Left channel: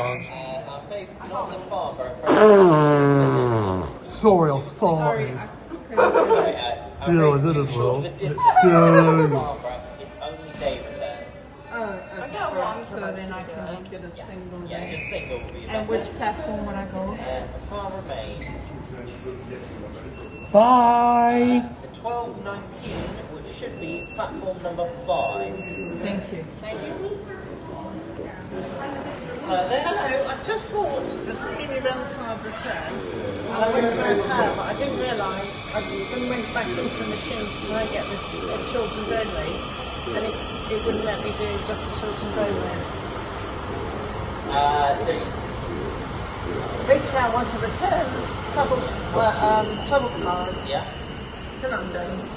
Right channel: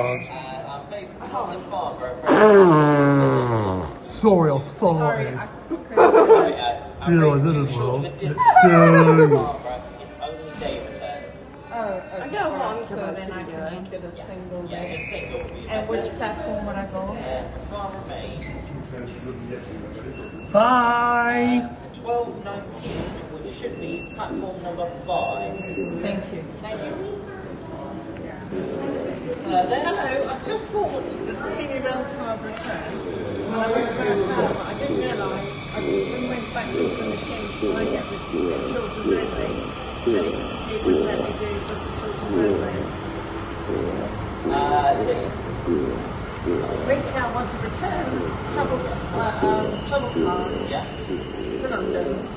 I think not the farmer. Sorry, I farted. Sorry, You know, that is wrong. It's It's only day returns. Oh, okay. Right. So then I can just get a single Yeah, day. just single will be And which platform would I go on? Farmer Main. Bye. The 1219, which should be platform number 5. Thank you. Thank you. Hello, I've just bought the senior rail card return. I went to my car, I didn't realise I went back into the machine to try and get the children's only, and it wouldn't let me do just the children's only. Basically, I want to return travel card Yeah. to London.